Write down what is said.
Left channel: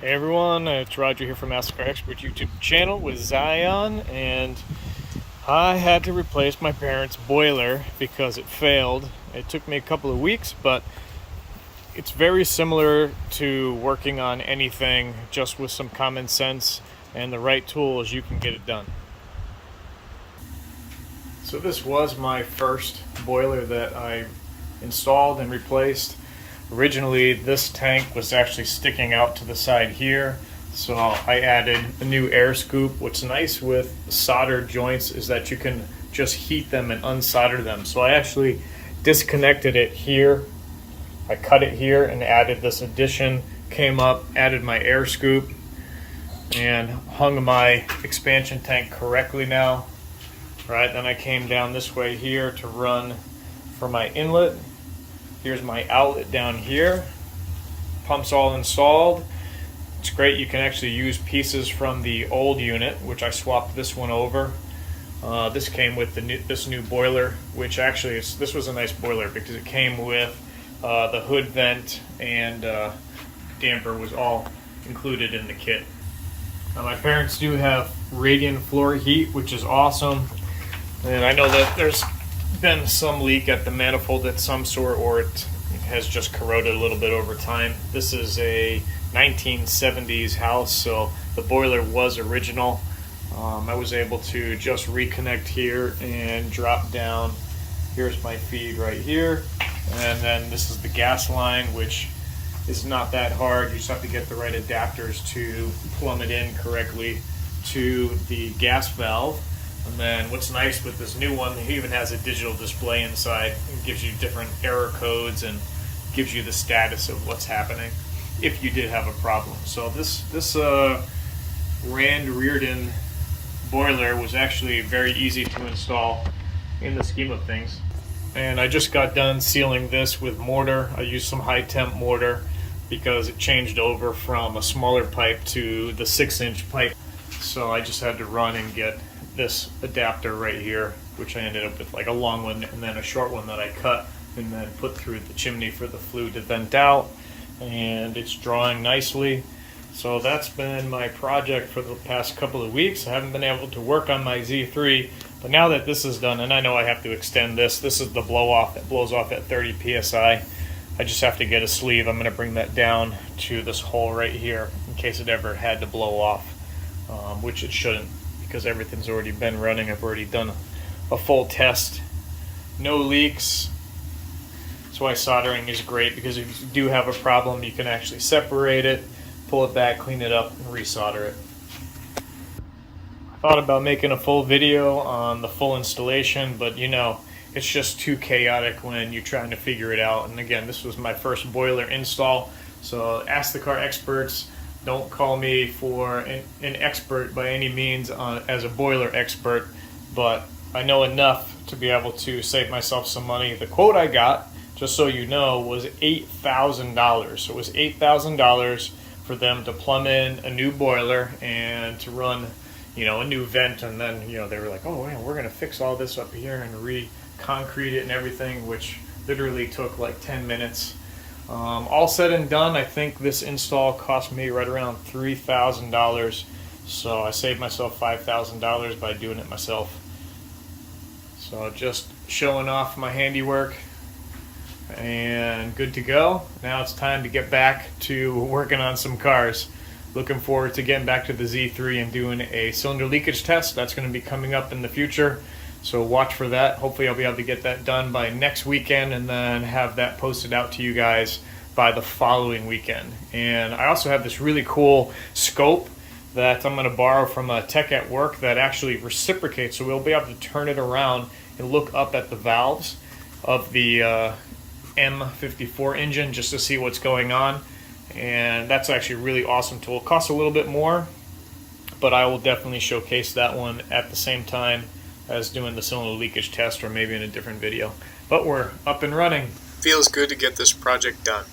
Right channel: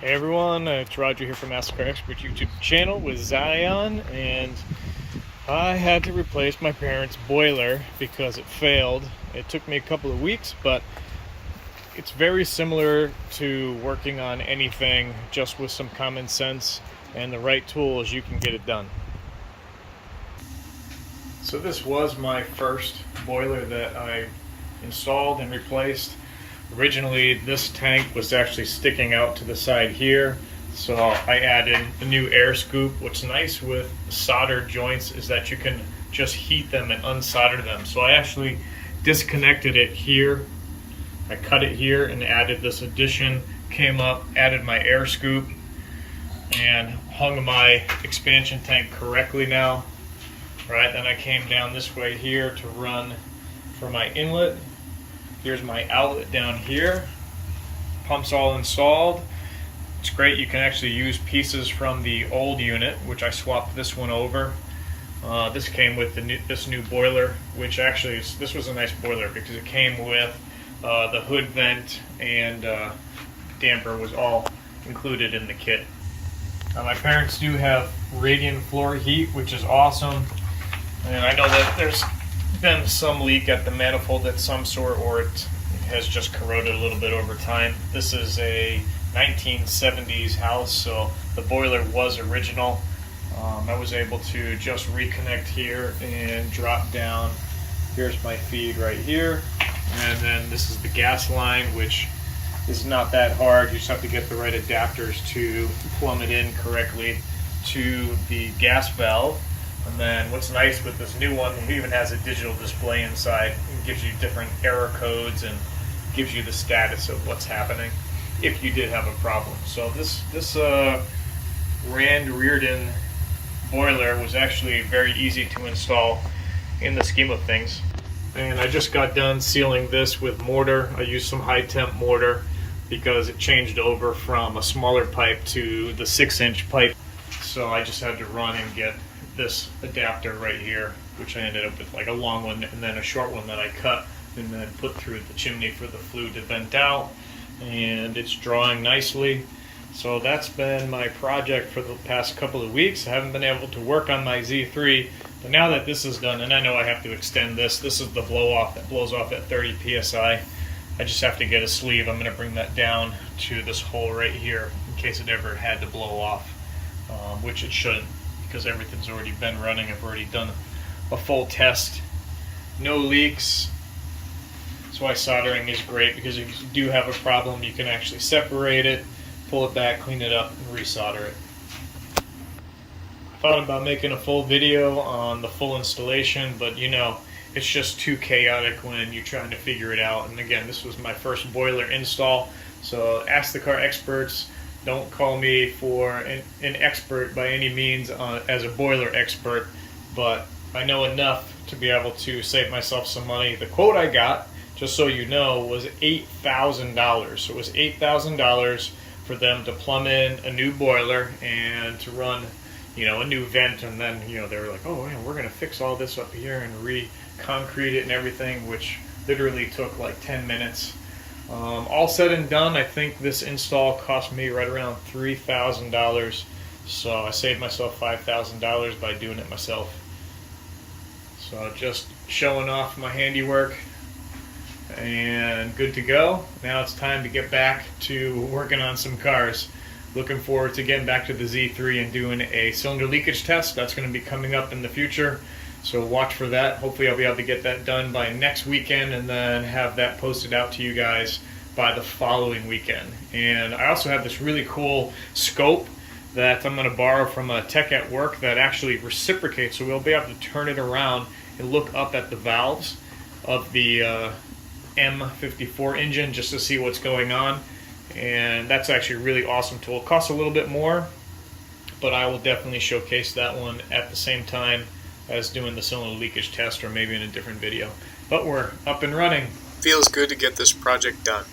Hey everyone, it's Roger here from Ask Car Expert YouTube channel with Zion, and I had to replace my parents' boiler because it failed. It took me a couple of weeks, but it's very similar to working on anything. Just with some common sense and the right tools, you can get it done. So this was my first boiler that I installed and replaced. Originally, this tank was actually sticking out to the side here, so I added a new air scoop. What's nice with soldered joints is that you can just heat them and unsolder them. So I actually disconnected it here. I cut it here and added this addition, came up, added my air scoop, and hung my expansion tank correctly now. Right, then I came down this way here to run for my inlet. Here's my outlet down here. Pumps all installed. It's great, you can actually use pieces from the old unit, which I swapped this one over. This came with this new boiler, which actually this was a nice boiler because it came with the hood vent and damper was all included in the kit. Now my parents do have radiant floor heat, which is awesome. And I know that there's been some leak at the manifold of some sort, or it has just corroded a little bit over time. This is a 1970s house, so the boiler was original. I was able to just reconnect here and drop down. Here's my feed right here, and then this is the gas line, which is not that hard. You just have to get the right adapters to plumb it in correctly to the gas valve. And then what's nice with this new one, it even has a digital display inside. It gives you different error codes and gives you the status of what's happening if you did have a problem. So this Rand Reardon boiler was actually very easy to install in the scheme of things. And I just got done sealing this with mortar. I used some high temp mortar because it changed over from a smaller pipe to the 6-inch pipe. So I just had to run and get this adapter right here, which I ended up with like a long one and then a short one that I cut and then put through the chimney for the flue to vent out, and it's drawing nicely. So that's been my project for the past couple of weeks. I haven't been able to work on my Z3, but now that this is done, and I know I have to extend this is the blow off that blows off at 30 psi. I just have to get a sleeve. I'm going to bring that down to this hole right here in case it ever had to blow off, which it shouldn't, because everything's already been running. I've already done a full test. No leaks. That's why soldering is great, because if you do have a problem, you can actually separate it, pull it back, clean it up, and resolder it. I thought about making a full video on the full installation, but you know, it's just too chaotic when you're trying to figure it out. And again, this was my first boiler install, so ask the car experts. Don't call me for an expert by any means as a boiler expert, but I know enough to be able to save myself some money. The quote I got, just so you know, was $8,000. So it was $8,000 for them to plumb in a new boiler and to run, you know, a new vent. And then, you know, they were like, oh yeah, we're gonna fix all this up here and re-concrete it and everything, which literally took like 10 minutes. All said and done, I think this install cost me right around $3,000, so I saved myself $5,000 by doing it myself. So just showing off my handiwork, and good to go. Now it's time to get back to working on some cars. Looking forward to getting back to the Z3 and doing a cylinder leakage test. That's going to be coming up in the future, so watch for that. Hopefully I'll be able to get that done by next weekend and then have that posted out to you guys by the following weekend. And I also have this really cool scope that I'm going to borrow from a tech at work that actually reciprocates, so we'll be able to turn it around and look up at the valves of the M54 engine just to see what's going on. And that's actually a really awesome tool. It costs a little bit more, but I will definitely showcase that one at the same time as doing the cylinder leakage test, or maybe in a different video. But we're up and running. Feels good to get this project done.